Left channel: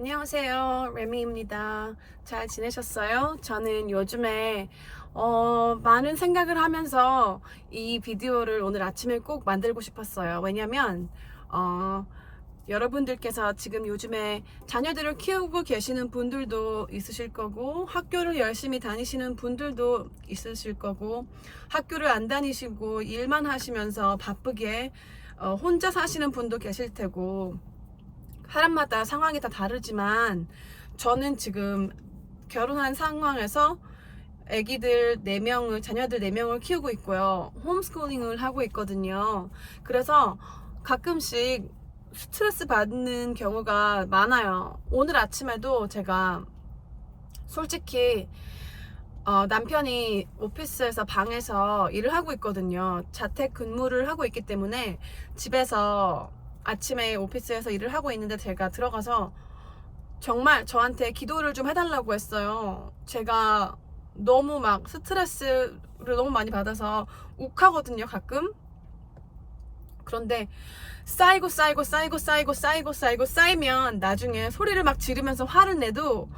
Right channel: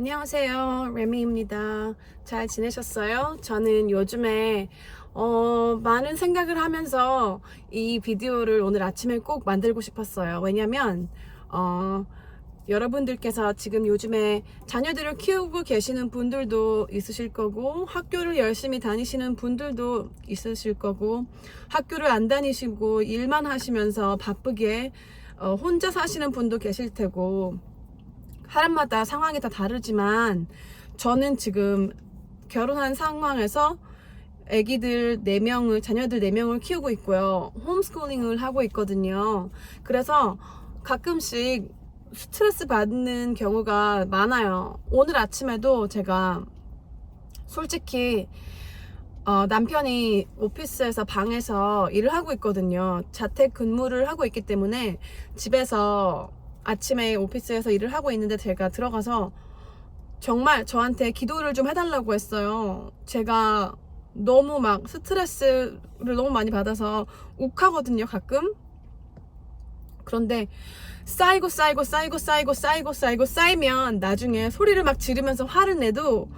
안녕하세요, 레미입니다. 잘 지내셨어요? 저는 요즘에 많은 생각을 하면서 이 비디오를 오늘 아침에 꼭 만들고 싶었어요. 왜냐면 여러분들께서 지금 요즘에 자녀들을 키우고 계시는 분들도 있으실 거고, 학교를 열심히 다니시는 분들도 있으실 거고, 학교를 안 다니시고 일만 하시면서 바쁘게 혼자 사시는 분도 계실 테고, 사람마다 상황이 다 다르지만 저는 지금 결혼한 상황에서 아기들 4명을, 자녀들 4명을 키우고 있고요. 홈스쿨링을 하고 있거든요. 그래서 가끔씩 스트레스 받는 경우가 많아요. 오늘 아침에도 제가 솔직히 남편이 오피스에서 방에서 일을 하고 있거든요. 자택 근무를 하고 있기 때문에 집에서 아침에 오피스에서 일을 하고 있는데 제가 들어가서 정말 저한테 기도를 좀 해달라고 했어요. 제가 너무 막 스트레스를 너무 많이 받아서 욱하거든요, 가끔. 그런데 쌓이면 나중에 소리를 막 지르면서 화를 내도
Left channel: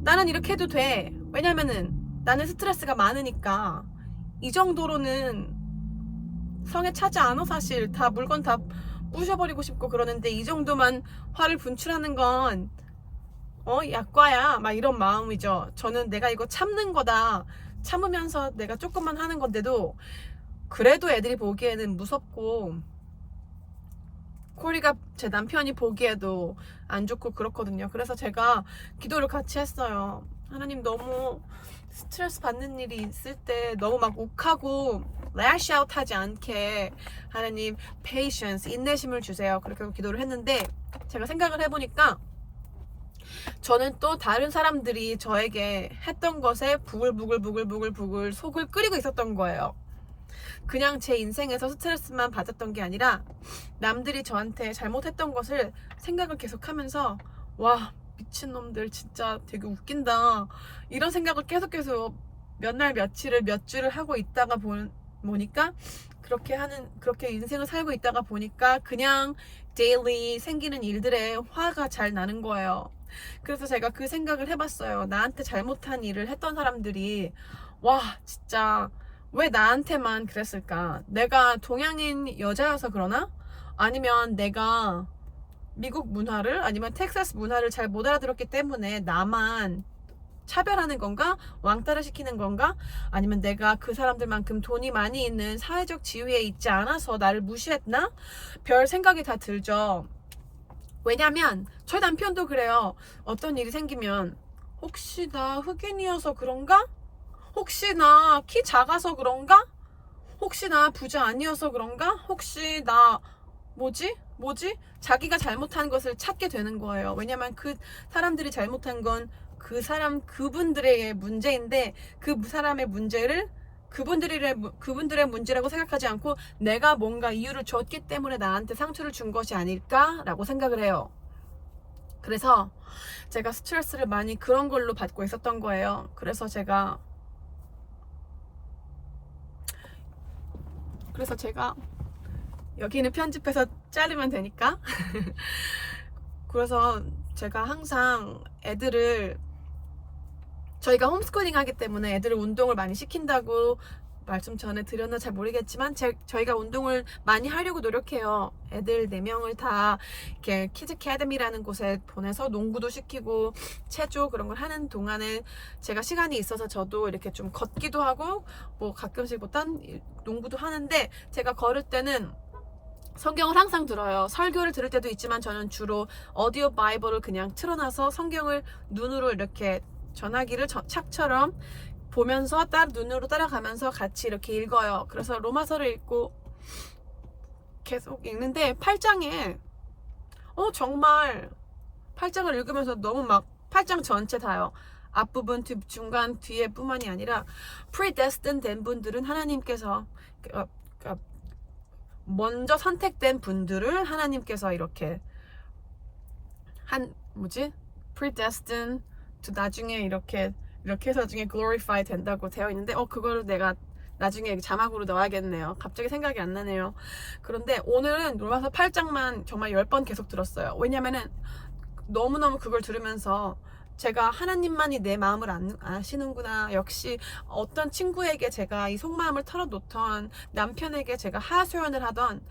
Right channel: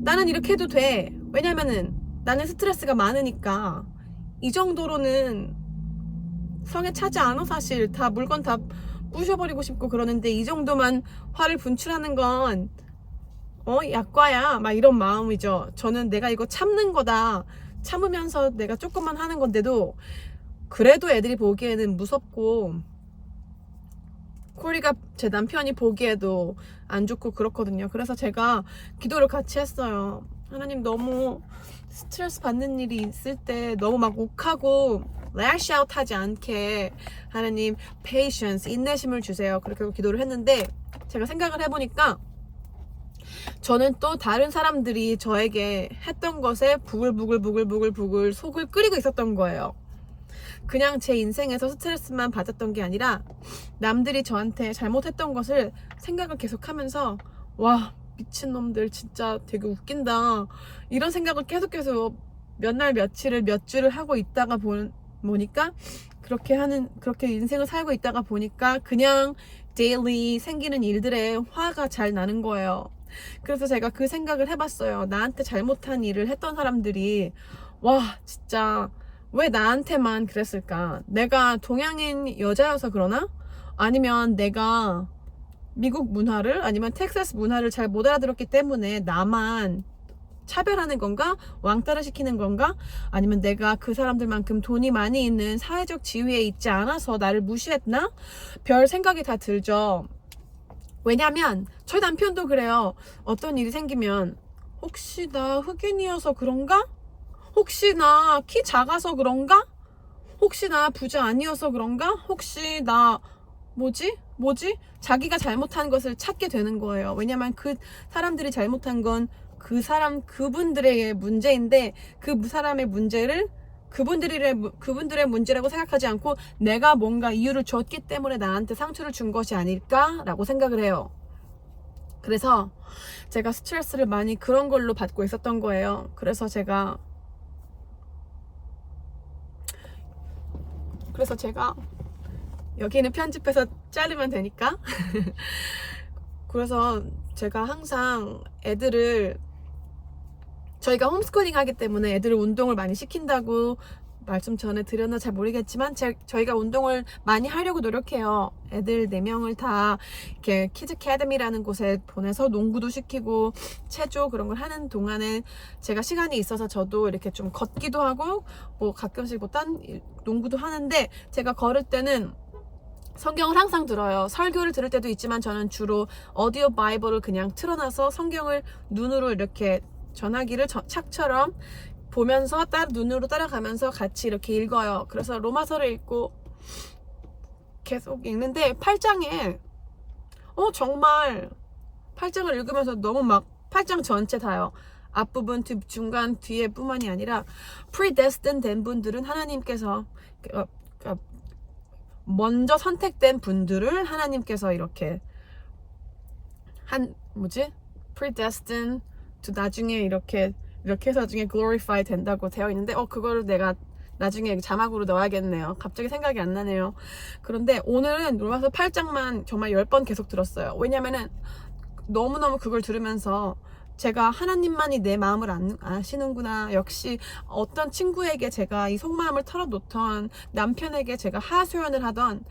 나는 이렇게 해도 돼. 왜냐면은 나는 스트레스가 많으니까. 이 정도로는 성에 차지 않아. 사실 다 물건 다 부셔버리고 싶고 그러는데, 이 정도만 화를 분출하는 건 약과야, 막 이런 마음이죠. 저는 내가 이거 참는 거다, 참으면서 내가 조금만 하는 건데도 그래도 애들이 보기에는 무섭고, 코리가 제 남편이 보기에도 안 좋고 그렇거든요. 그래서 제가 기도를 같이 했어요. 하나님, 너무 스트레스 받는 일이 있을 때 너무 막 욱하고 lash out 하지 않게 하나님 patience, 인내심을 주세요. 그렇게 기도를 했는데, 제가 생각을 해보니까 저는 또 다른 사람들이 저에게 했던 것에 부글부글 속을 끓이고 있었던 거예요. 그냥 제 인생에서 스트레스만 받았던 게 아니라 남들이 저한테 잘못했던 것을 생각을 계속하면서, 와, 미친놈들 진짜 되게 웃긴다, 이런 생각을 계속 몇 날 며칠을 몇 주를 하고 있다가 보니까, 그렇게 인생을 살고 있다가 보니까 그냥 데일리 생기는 일들에 화가 잘 나는 거예요. 그래서 제가 그 생각을 해봤어요. 나한테 잘못한 일을 했던 사람들이, 와, 진짜 왜 나한테만 그랬을까? 내가 동양인 여자여서 그러나? 아니면 내가 미국 문화를, 아니면 텍사스 문화를 잘 못 알아들었기 때문에 나만 차별하는 건가? 왕따를 시키는 건가? 아니면 내가 그 사람들만큼 돈이 많이 있는 사회적 지위에 있지 않아서 나를 무시했나? 별 생각이 다 들죠. 왜냐면 저희 남편도 그래요. 어떤 일이 생기면, 혹시 나 흑인이어서 그런가? 혹시 나 키 작아서 그런가? 혹시 나 부자 아니어서 그런가? 혹시 나 뭐지? 자기가 잘못한 것을 찾게 되는 거예요. 왜냐면 그 사람들이 잘못한 건 그분들의 문제인데, 그 사람의 문제를 그분들의 문제라고 생각하지 않고 내가 뭔가 이유를 줬기 때문에 나한테 상처를 준 것이 아닐까라고 생각을 해요. 그래서 제가 스트레스를 많이 그런 걸로 받고 있었던 거예요. 그래서 제가 여기는 편집해서 자르면 되니까 그래서 제가 항상 저희가 홈스쿨링 하기 때문에 애들을 운동을 많이 시킨다고 말씀 전에 드렸나 잘 모르겠지만, 저희가 운동을 많이 하려고 노력해요. 애들 4명을 다 이렇게 키즈 캐드미라는 곳에 보내서 농구도 시키고 체조 그런 걸 하는 동안에 제가 시간이 있어서 저도 이렇게 좀 걷기도 하고, 뭐 가끔씩 딴 농구도 하는데, 제가 걸을 때는 성경을 항상 들어요. 설교를 들을 때도 있지만 저는 주로 오디오 바이블을 그냥 틀어놔서 성경을 눈으로 이렇게 전화기를 착처럼 보면서 눈으로 따라가면서 같이 이렇게 읽어요. 그래서 로마서를 읽고 계속 읽는데, 8장에 정말 8장을 읽으면서 너무 막 8장 전체 다요. 앞부분, 중간, 뒤에 뿐만이 아니라 predestined 된 분들은 하나님께서, 먼저 선택된 분들을 하나님께서 이렇게 predestined to 나중에 이렇게 해서 나중에 glorify 된다고 되어 있는데, 그거를 내가 나중에 자막으로 넣어야겠네요. 갑자기 생각이 안 나네요. 그런데 오늘은 로마서 8장만 정말 10번 계속 들었어요. 왜냐면은 너무너무 그걸 들으면서 제가 하나님만이 내 마음을 아시는구나. 역시 어떤 친구에게 제가 이 속마음을 털어놓던, 남편에게 제가 하소연을 하던,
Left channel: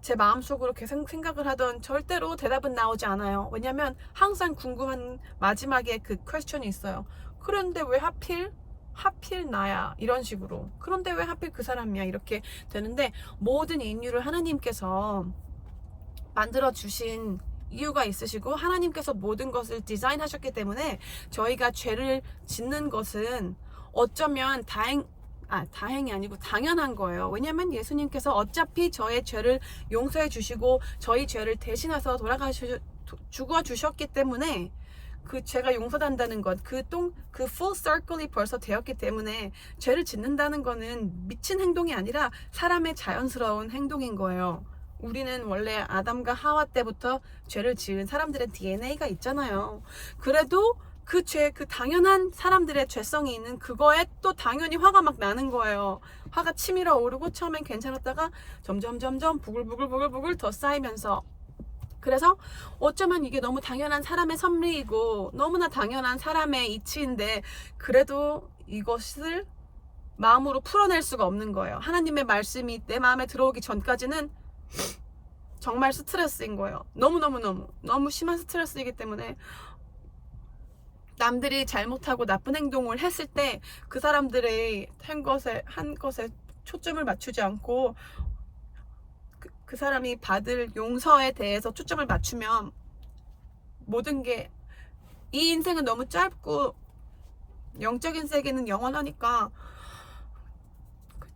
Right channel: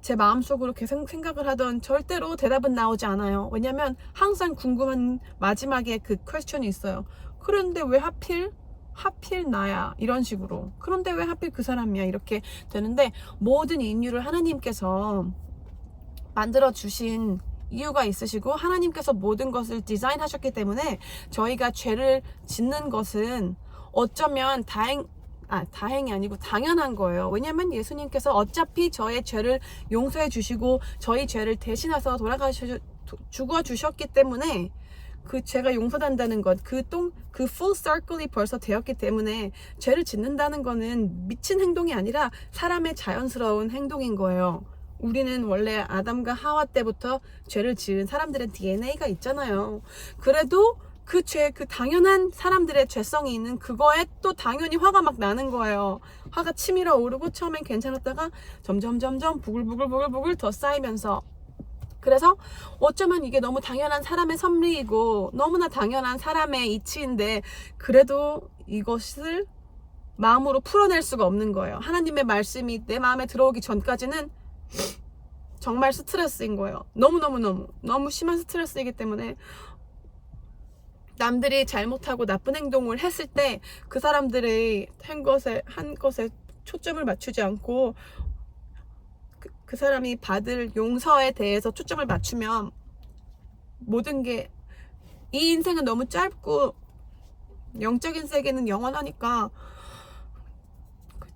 제 마음속으로 계속 생각을 하던 절대로 대답은 나오지 않아요. 왜냐면 항상 궁금한 마지막에 그 퀘스천이 있어요. 그런데 왜 하필 나야, 이런 식으로. 그런데 왜 하필 그 사람이야, 이렇게 되는데, 모든 인류를 하나님께서 만들어 주신 이유가 있으시고, 하나님께서 모든 것을 디자인하셨기 때문에 저희가 죄를 짓는 것은 어쩌면 다행이 아니고 당연한 거예요. 왜냐면 예수님께서 어차피 저의 죄를 용서해 주시고 저희 죄를 대신해서 죽어 주셨기 때문에, 그 죄가 용서된다는 것, 그 full circle이 벌써 되었기 때문에 죄를 짓는다는 거는 미친 행동이 아니라 사람의 자연스러운 행동인 거예요. 우리는 원래 아담과 하와 때부터 죄를 지은 사람들의 DNA가 있잖아요. 그래도 그 당연한 사람들의 죄성이 있는 그거에 또 당연히 화가 막 나는 거예요. 화가 치밀어 오르고, 처음엔 괜찮았다가 점점 부글부글 더 쌓이면서, 그래서 어쩌면 이게 너무 당연한 사람의 섭리이고 너무나 당연한 사람의 이치인데, 그래도 이것을 마음으로 풀어낼 수가 없는 거예요. 하나님의 말씀이 내 마음에 들어오기 전까지는 정말 스트레스인 거예요. 너무 심한 스트레스이기 때문에, 남들이 잘못하고 나쁜 행동을 했을 때 그 사람들의 한 것에 초점을 맞추지 않고 그 사람이 받을 용서에 대해서 초점을 맞추면, 모든 게, 이 인생은 너무 짧고 영적인 세계는 영원하니까,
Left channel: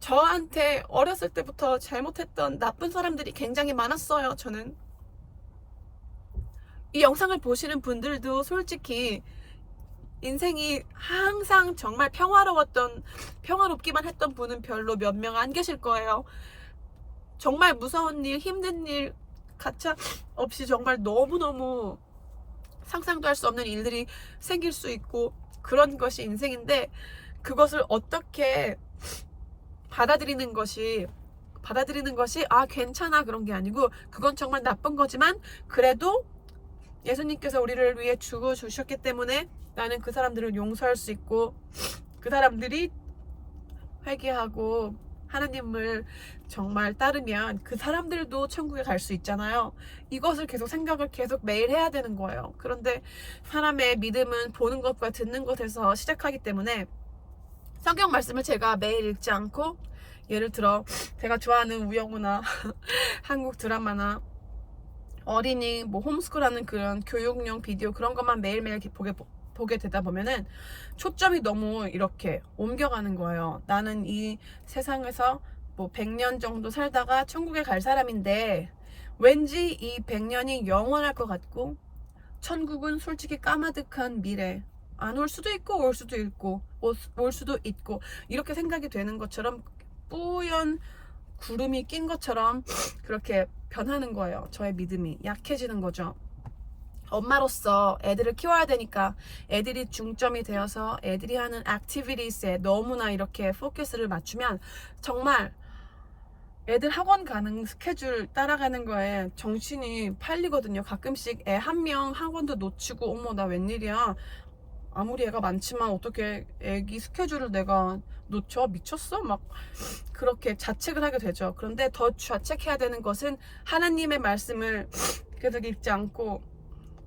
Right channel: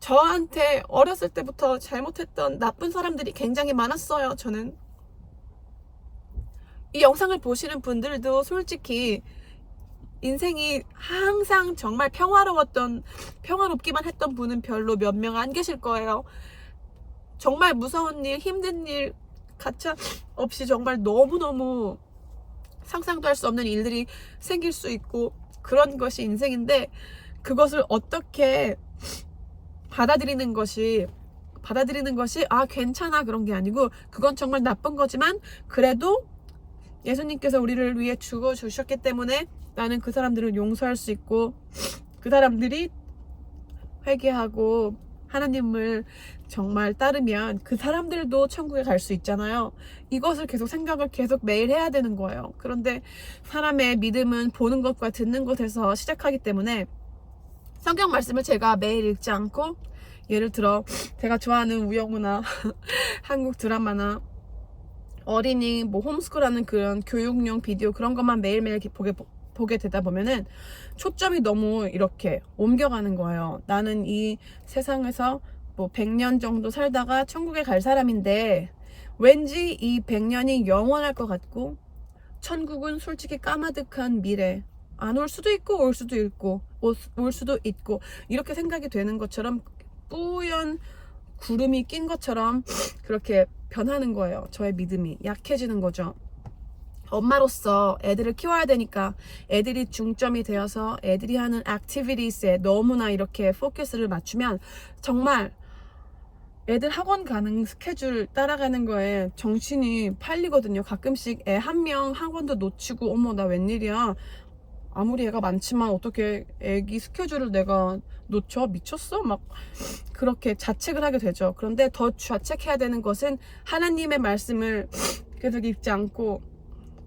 저한테 어렸을 때부터 잘못했던 나쁜 사람들이 굉장히 많았어요. 저는 이 영상을 보시는 분들도 솔직히 인생이 항상 정말 평화롭기만 했던 분은 별로 몇 명 안 계실 거예요. 정말 무서운 일, 힘든 일, 가차 없이 정말 너무너무 상상도 할 수 없는 일들이 생길 수 있고, 그런 것이 인생인데, 그것을 어떻게 받아들이는 것이 괜찮아, 그런 게 아니고, 그건 정말 나쁜 거지만 그래도 예수님께서 우리를 위해 죽어 주셨기 때문에 나는 그 사람들을 용서할 수 있고, 그 사람들이 회개하고 하나님을 정말 따르면 그 사람들도 천국에 갈 수 있잖아요. 이것을 생각을 매일 해야 되는 거예요. 그런데 사람의 믿음은 보는 것과 듣는 것에서 시작하기 때문에, 성경 말씀을 제가 매일 읽지 않고, 예를 들어 제가 좋아하는 우영우나 한국 드라마나 어린이 홈스쿨하는 그런 교육용 비디오, 그런 것만 매일매일 보게 되다 보면은 초점이 너무 이렇게 옮겨가는 거예요. 나는 이 세상에서 100년 정도 살다가 천국에 갈 사람인데, 왠지 이 100년이 영원할 것 같고, 천국은 솔직히 까마득한 미래, 안 올 수도 있고 올 수도 있고 이렇게 생각이 되는 것처럼, 뿌연 구름이 낀 것처럼 그렇게 변하는 거예요. 저의 믿음이 약해지는 거죠. 엄마로서 애들을 키워야 되니까 애들이 중점이 되어서 애들이 하는 액티비티스에 너무나 이렇게 포커스를 맞추면, 정말 애들 학원 가는 스케줄 따라가는 거에 정신이 팔리거든요. 가끔씩 애 한 명 학원도 놓치고, 어머 나 웬일이야, 아무리 애가 많지만 어떻게 애기 스케줄을 내가 놓쳐? 미쳤어? 막 그렇게 자책을 하게 되죠. 그런데 더 자책해야 되는 것은, 하나님의 말씀을 계속 읽지 않고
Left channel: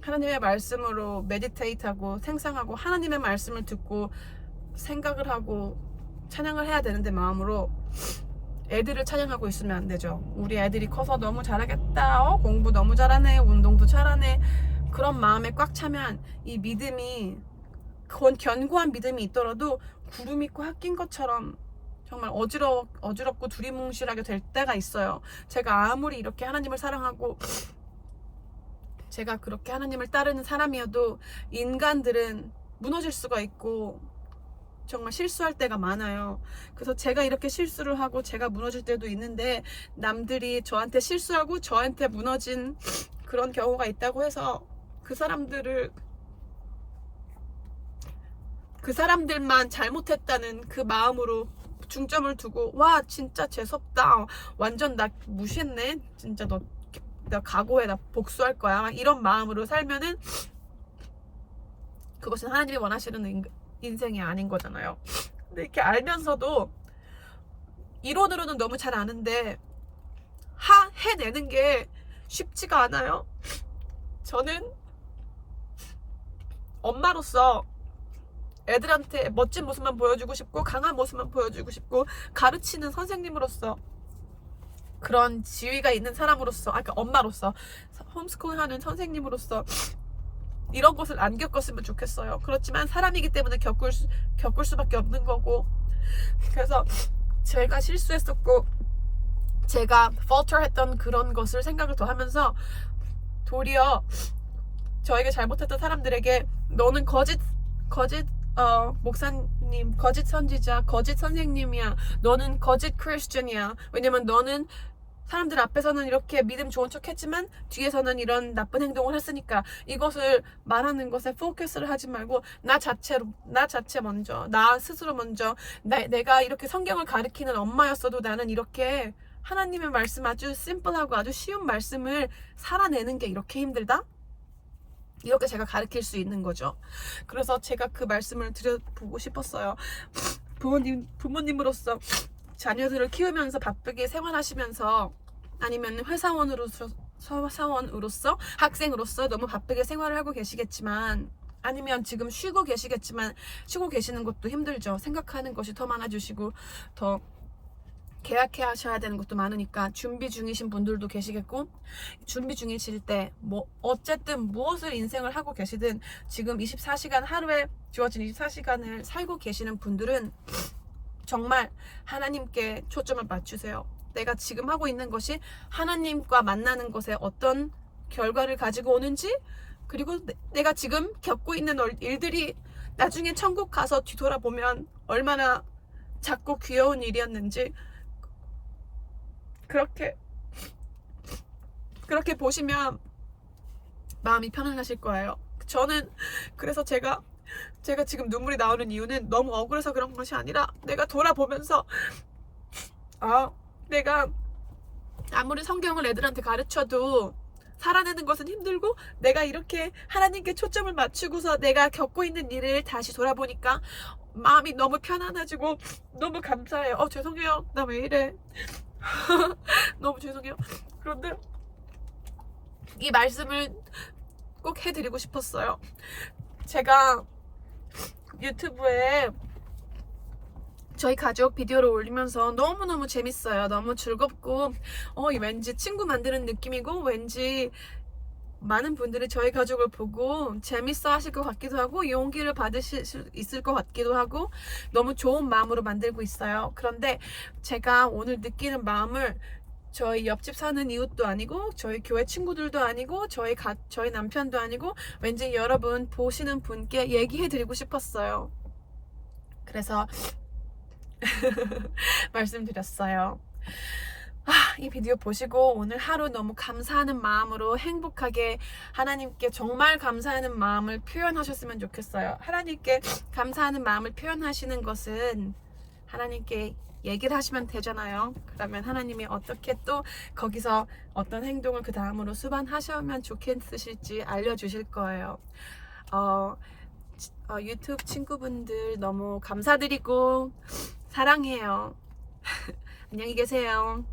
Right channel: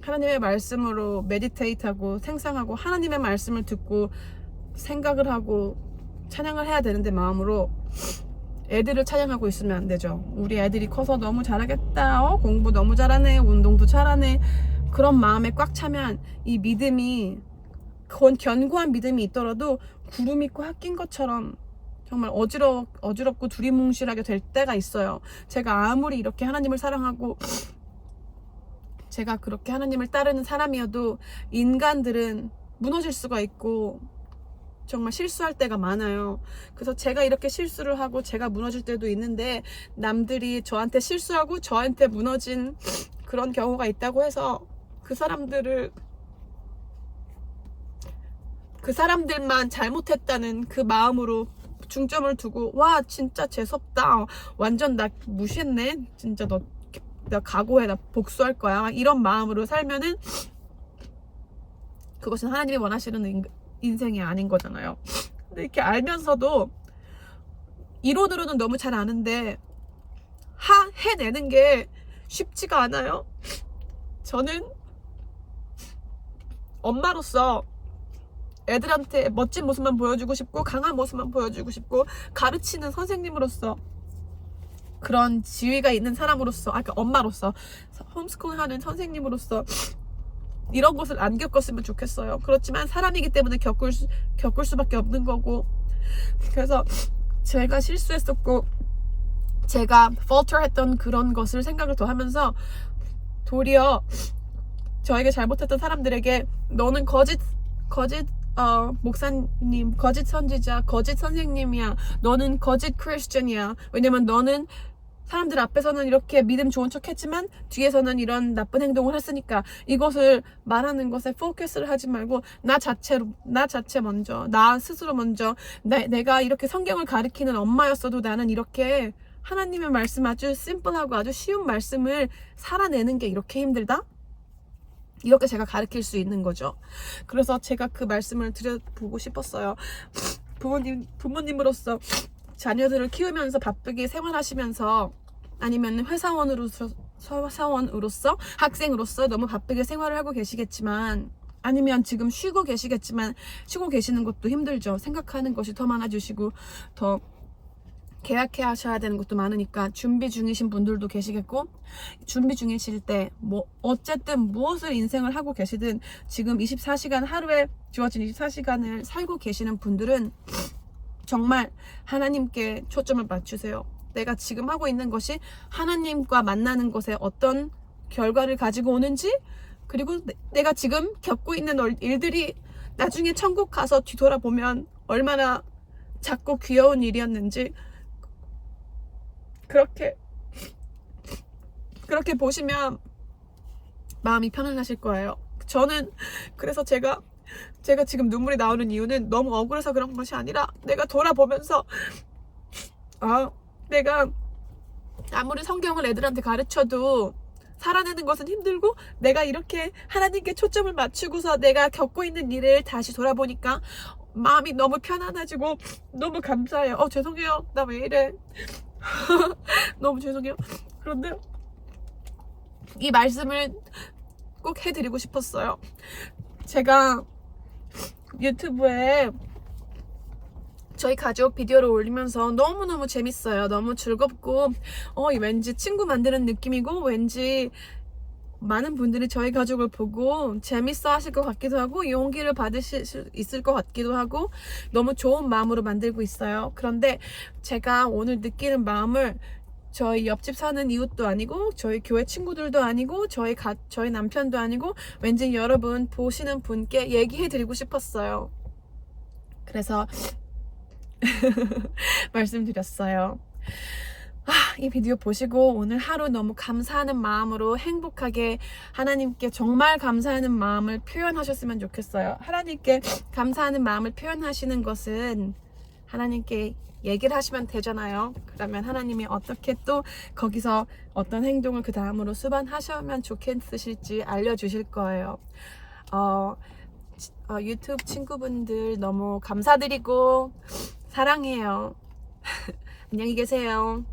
하나님의 말씀으로 메디테이트하고 생상하고, 하나님의 말씀을 듣고 생각을 하고 찬양을 해야 되는데, 마음으로 애들을 찬양하고 있으면 안 되죠. 우리 애들이 커서 너무 잘하겠다, 공부 너무 잘하네, 운동도 잘하네, 그런 마음에 꽉 차면 이 믿음이, 견고한 믿음이 있더라도 구름이 꽉 낀 것처럼 정말 어지럽고 두리뭉실하게 될 때가 있어요. 제가 아무리 이렇게 하나님을 사랑하고 제가 그렇게 하나님을 따르는 사람이어도, 인간들은 무너질 수가 있고 정말 실수할 때가 많아요. 그래서 제가 이렇게 실수를 하고 제가 무너질 때도 있는데, 남들이 저한테 실수하고 저한테 무너진 그런 경우가 있다고 해서 그 사람들만 잘못했다는 그 마음으로 중점을 두고, 와 진짜 재수없다, 완전 나 무시했네, 진짜 너 내가 각오해, 나 복수할 거야, 이런 마음으로 살면은 그것은 하나님이 원하시는 인생이 아닌 거잖아요. 근데 이렇게 알면서도 이론으로는 너무 잘 아는데 해내는 게 쉽지가 않아요. 저는 엄마로서 애들한테 멋진 모습만 보여주고 싶고 강한 모습만 보여주고 싶고, 가르치는 선생님으로서 그런 지위가 있는 사람으로서, 그러니까 엄마로서, 홈스쿨 하는 선생님으로서 이런 것을 안 겪었으면 좋겠어요. 그렇지만 사람이기 때문에 겪을 수밖에 없는 거고, 그래서 제가 실수했었고 제가 falter했던 그런 것을 생각을 더 하면서 도리어 저에게 잘못했던 사람들에게 너는 거짓 목사님, 거짓 선지자, 거짓 선생님이야, 너는 거짓 크리스천이야, 왜냐면 너는 사람들 앞에서는 이렇게 믿음 좋은 척 했지만 뒤에서는 이런 나쁜 행동을 했으니까, 이것을 말하는 것에 포커스를 하지 말고 나 자체 먼저, 나 스스로 먼저, 내가 이렇게 성경을 가르치는 엄마였어도 나는 이렇게 하나님의 말씀, 아주 심플하고 아주 쉬운 말씀을 살아내는 게 이렇게 힘들다? 이렇게 제가 가르칠 수 있는 거죠. 그래서 제가 그 말씀을 드려보고 싶었어요. 부모님으로서 자녀들을 키우면서 바쁘게 생활하시면서, 아니면 회사원으로서 학생으로서 너무 바쁘게 생활을 하고 계시겠지만, 아니면 지금 쉬고 계시겠지만, 쉬고 계시는 것도 힘들죠. 생각하는 것이 더 많아지시고 더 계약해 하셔야 되는 것도 많으니까 준비 중이신 분들도 계시겠고, 준비 중이실 때 뭐 어쨌든 무엇을 인생을 하고 계시든 지금 24시간, 하루에 주어진 24시간을 살고 계시는 분들은 정말 하나님께 초점을 맞추세요. 내가 지금 하고 있는 것이 하나님과 만나는 것에 어떤 결과를 가지고 오는지, 그리고 내가 지금 겪고 있는 일들이 나중에 천국 가서 뒤돌아보면 얼마나 작고 귀여운 일이었는지, 그렇게 보시면 마음이 편안하실 거예요. 저는 그래서 제가 지금 눈물이 나오는 이유는 너무 억울해서 그런 것이 아니라, 내가 돌아보면서 내가 아무리 성경을 애들한테 가르쳐도 살아내는 것은 힘들고, 내가 이렇게 하나님께 초점을 맞추고서 내가 겪고 있는 일을 다시 돌아보니까 마음이 너무 편안해지고 너무 감사해요. 죄송해요, 나 왜 이래. 너무 죄송해요. 그런데 이 말씀을 꼭 해드리고 싶었어요. 제가 유튜브에 저희 가족 비디오를 올리면서 너무너무 재밌어요. 너무 즐겁고 왠지 친구 만드는 느낌이고, 왠지 많은 분들이 저희 가족을 보고 재밌어 하실 것 같기도 하고, 용기를 받으실 수 있을 것 같기도 하고, 너무 좋은 마음으로 만들고 있어요. 그런데 제가 오늘 느끼는 마음을 저희 옆집 사는 이웃도 아니고, 저희 교회 친구들도 아니고, 저희 남편도 아니고, 왠지 여러분 보시는 분께 얘기해 드리고 싶었어요. 그래서 말씀드렸어요. 이 비디오 보시고 오늘 하루 너무 감사하는 마음으로 행복하게 하나님께 정말 감사하는 마음을 표현하셨으면 좋겠어요. 하나님께 감사하는 마음을 표현하시는 것은 하나님께 얘기를 하시면 되잖아요. 그러면 하나님이 어떻게 또 거기서 어떤 행동을 그 다음으로 수반하시면 좋겠으실지 알려주실 거예요. 유튜브 친구분들 너무 감사드리고 사랑해요. 안녕히 계세요.